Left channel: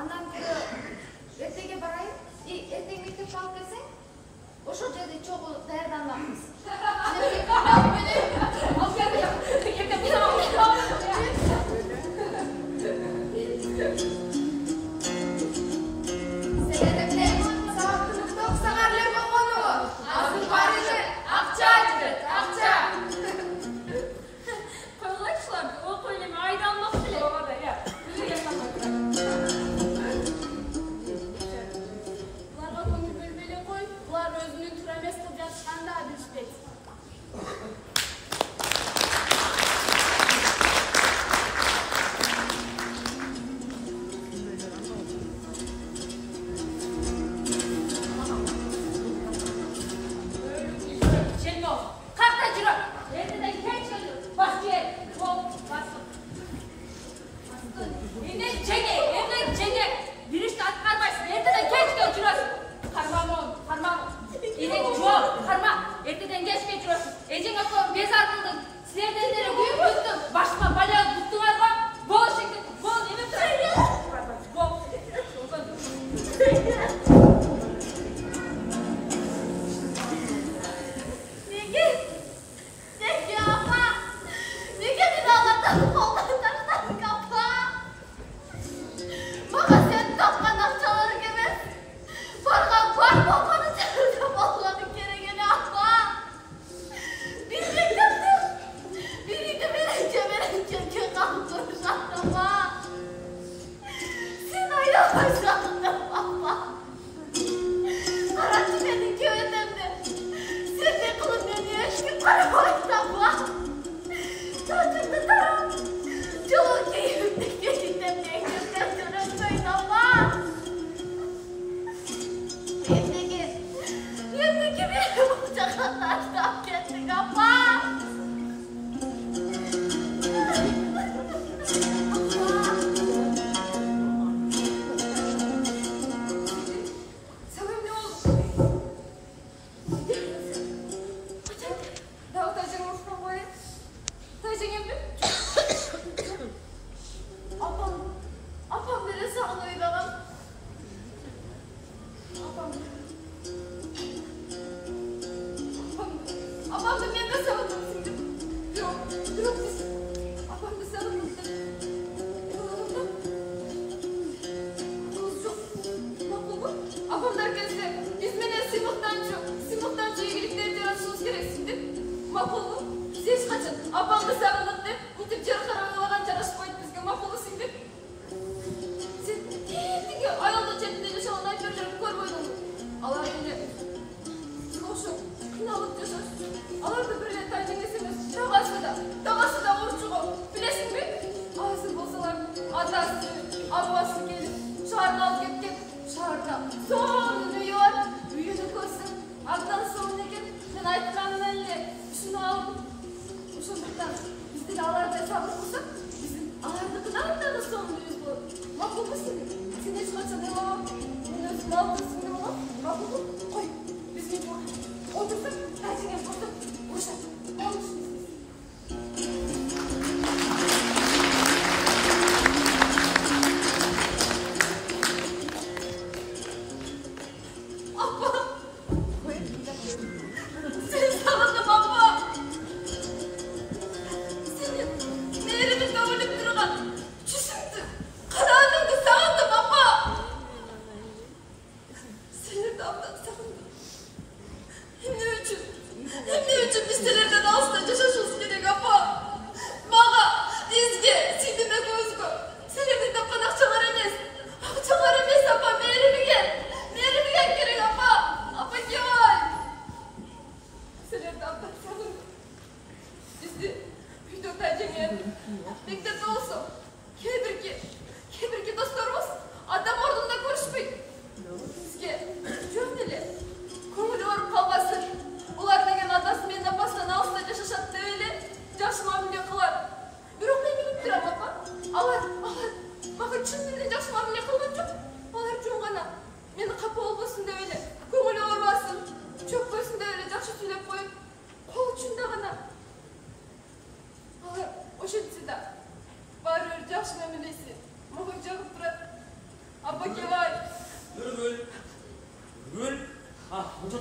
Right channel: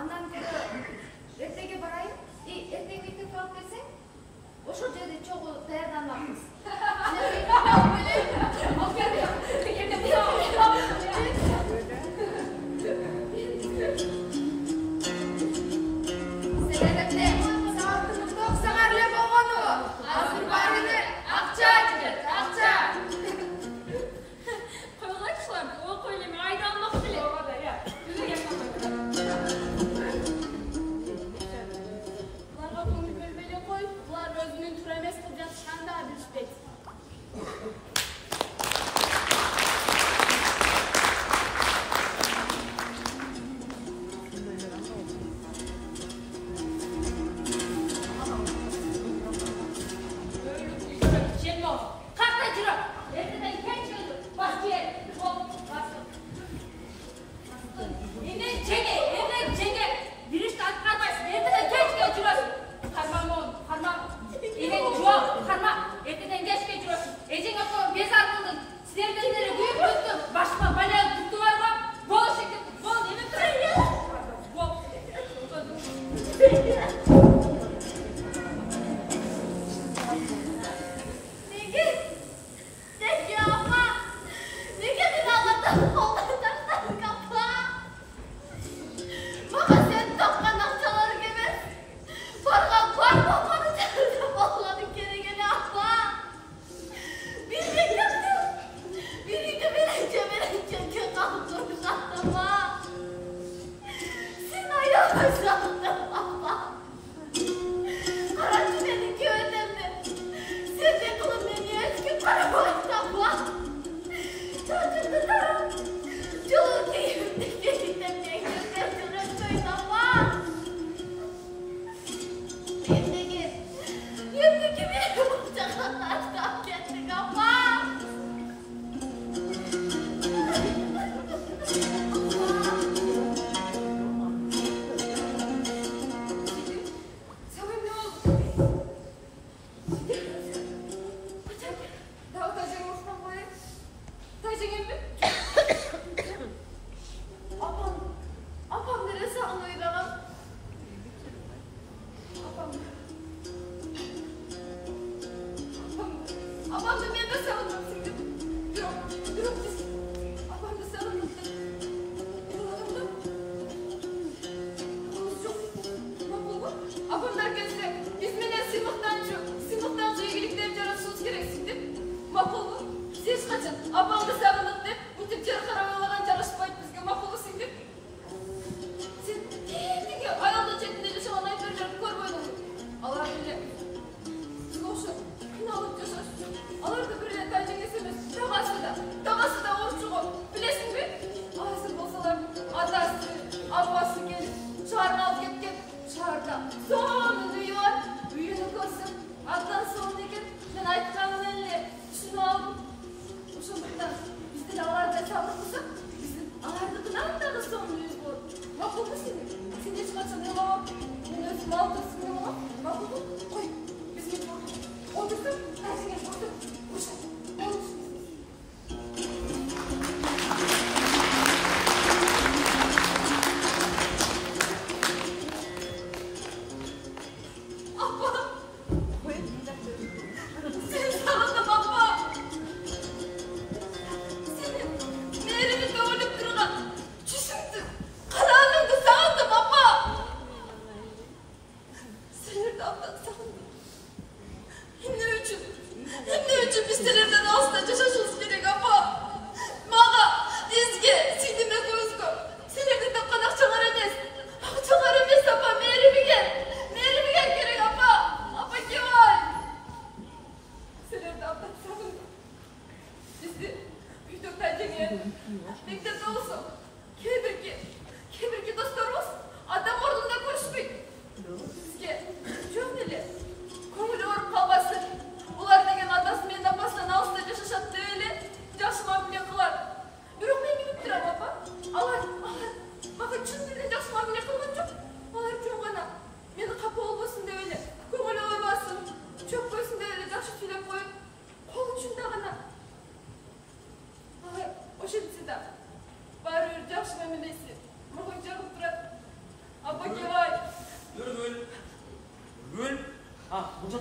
Андан көрө эртеге барайын. Эртең мектепке алып келсең, ошол жерде чогуу даярданмакпыз.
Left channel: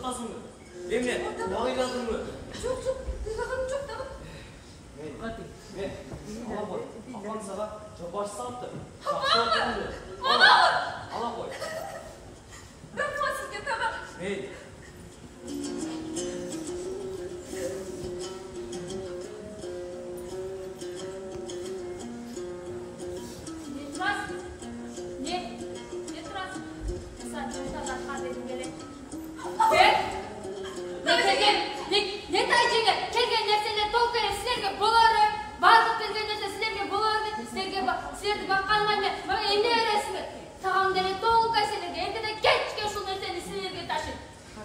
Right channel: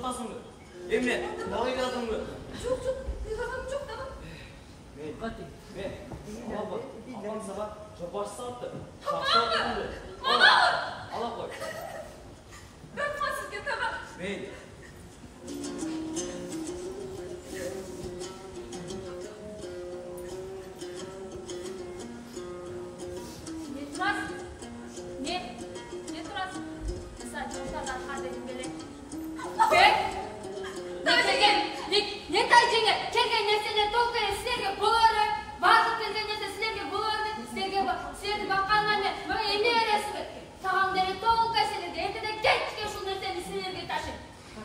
жатқасың ба? Емне, бағиладың ба? Жоқ, қиғағаным жоқ тағым. Мен, ала қой, апаң саған жопашы салыпты. Ала қой. Рахмат сізге тағым. Мейлі. Не тұрасың? Сен жұмыстарда қадайдың берек. Не тайжыңы? Келген нәрселер толқыры сілерге болары, барлық келген нәрсе сілерге болары, сілерді баққанман мен, маған емне өресіңі? Тағамдары толқай сілерге, ертеде кешке шул нәрсені сілерге ташын.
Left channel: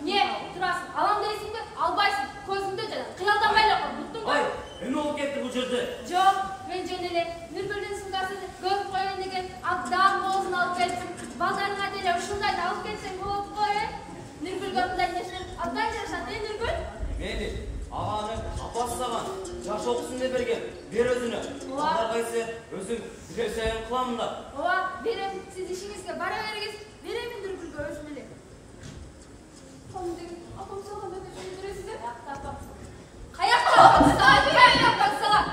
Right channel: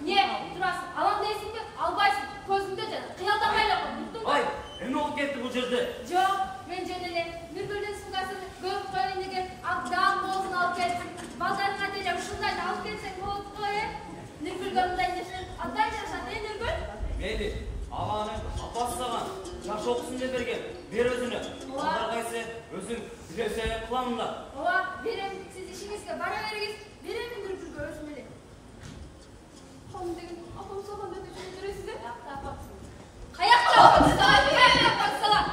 Не тұрасың? Алам дейсің бе? Албайсың. Көзіңді жана. Қиялдамайлы қой, бұттың ба? Ай, әме ол кетті бұл жерде. Жоқ, мен жөнеле. Нұргүлдің сұңғасын көріп қойын деген ағдам болсын алып келсін. Балдарын әделе ұшылдайды алып келсең болып қойын. Нұргүлге мұндай нешілер ағдай жашан, Нұргүл? Мейлі, ағаны апасы саған жаш оқысын деп берген. Бер өзіні. Балдар қайсы өзің білесен қыламында. Оа, берем, сіз ішіңізге бара беріңіз. Беремін Нұргүлге өзінеле. Қаным деген апам саған өте жүресіз де? Қаяқта апам саған?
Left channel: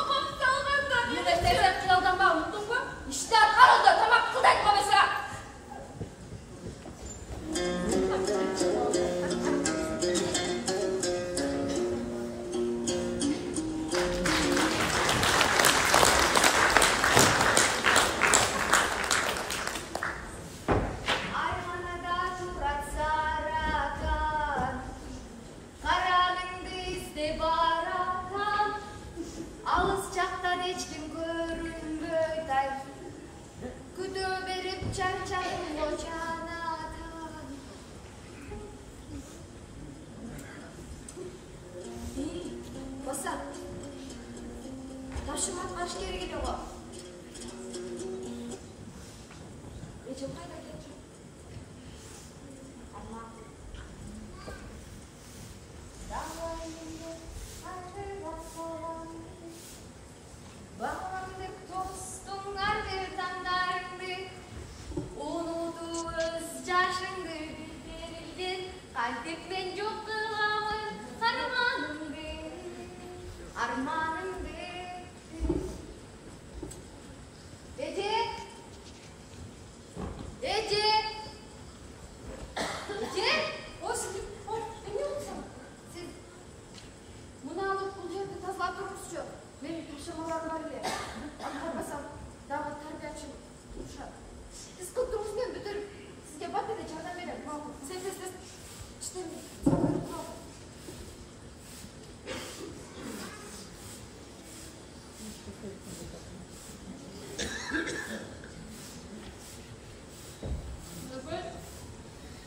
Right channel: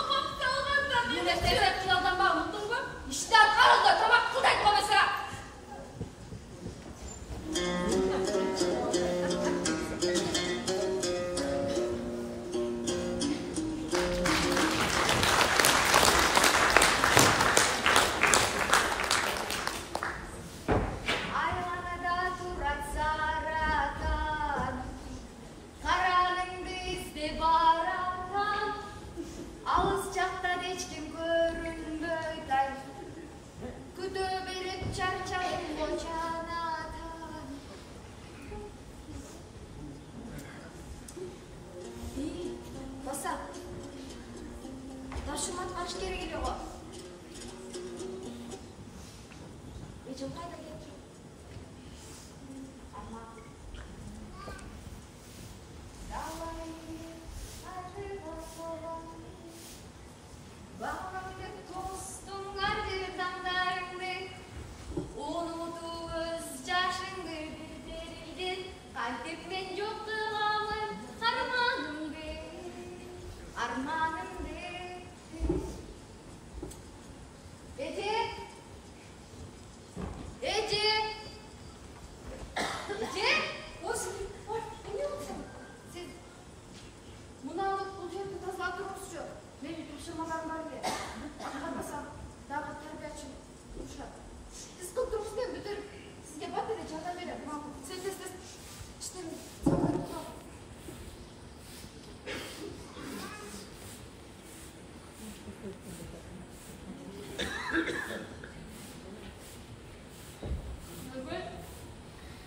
Апам салғанда мен нәрселер қиялданба, ұмыттың ба? İşte arada tamam kıldak babası. Ayvanada turat saratan, karanыңды izde baratan, alыс жақтан ешкім көрінбейді. Күтө беріп чарчадым лочанатан. Баса, ташымат қаш керек еле ғой. Ечім қайда кетті? Арман. Далайымды арғыға солан. Bağlandık dostum gardır tandayımdı. Unudu öz yaşındı bildirildin. Kalbim ben çok kılamın armanımdı. Armanımdı. Ece. Ece. Ece. O şimdi, ne olsun? Siz bunu alıp bu yerde tazıla durmuşçu. Benim tavşamalarım var bile. Akarmasam daha terbiyatçı duruşa. Siz kılkımızdan büdürüp sizge bat edeceğim. Candan benim. Sen de işte sağları kural. Nurgül,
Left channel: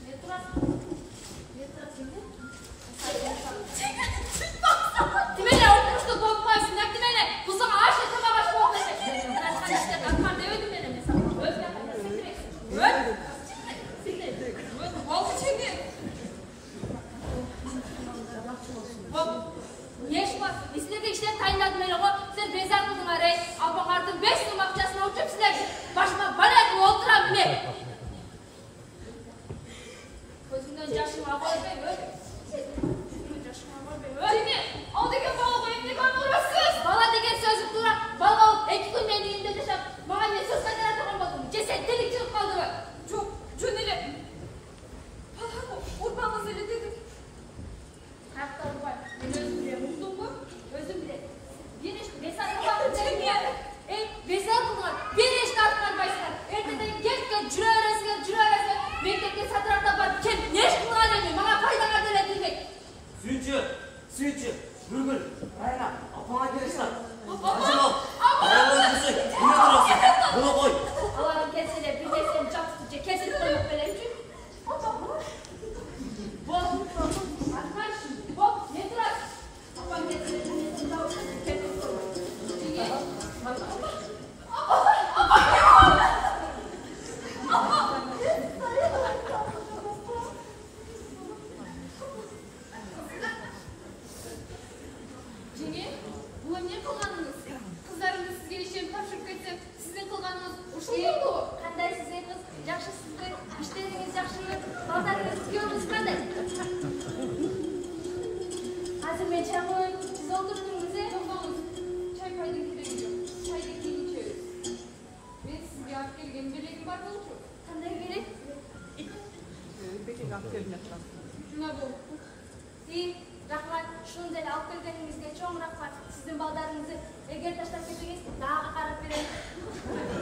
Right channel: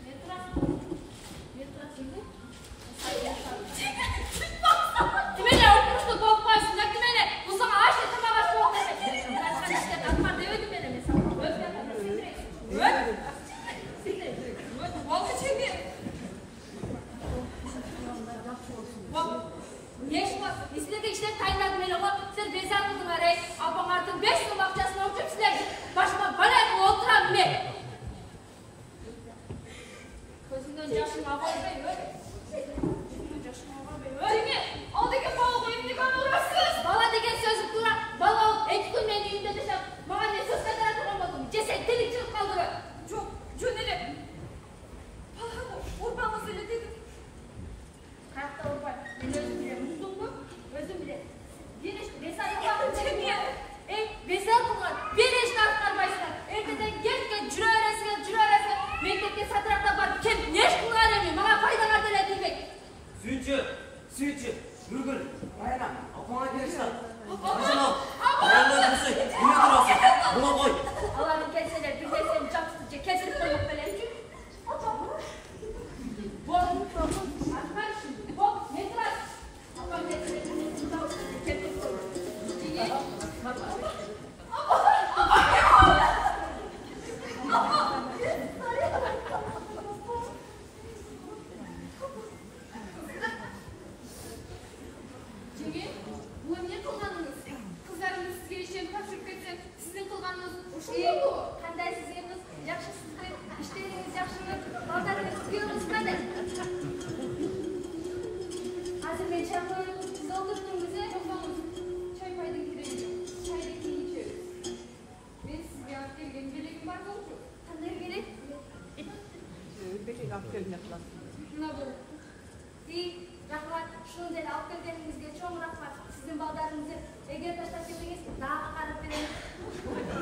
ne turasın? Ne turasın de? Dimene okumuştu korkmaysın. Dimene. Bu sana ağaç yetem ağaç korkmayacak. Ben sana işte takmar demedim benim mesela. Öf yapayım. Öf. Öf. Vallahi şimdi. Bak. Ne iş var? İstediği işleri tayinladım öyle o. Siz bezar kıldın arayı. Abam artık 5 yıl bakçasına oturup sizler. Başıma bana yakın oturam ne? Gözümden yaşını abartmayın öyle. Öyle. O degen bala koyayım ne kadar uğraşsız. Bala degen sözü kurar. Bala ol. 2 gün ben düğünde desem. Bana ne söz kadar atamadım. Ceset delik çıkıp kaldı mı? Çok cöneli. Bala urbanla söyle dedim. Kayakta urbay. Ben özüm bile mutlum mu? Özüm bile. Bir iş mesaj yapalım. Mesaj bunlar. Bir iş tartlar başlar. Erteden geç cüre arasına. Mektepte satrakta var. Kel ne iş kılgar demiyor. Bana faydalar diletilmek. Suyucu, Nurgül, Rayna, apana gelişler. Acaba. Ayağını öpürsün, yine durasın. Bunu koy. Allah'ım gelsene bir de seni can tutucu Бар болчу. Кандай керек? Бекең алып келип жатат. Шуна бол. Рахмат, шуну деле алып келгениңизге чоң рахмат. Сиздин балдарыңызды эгер таштап кетсеңиз, дагы карап берем.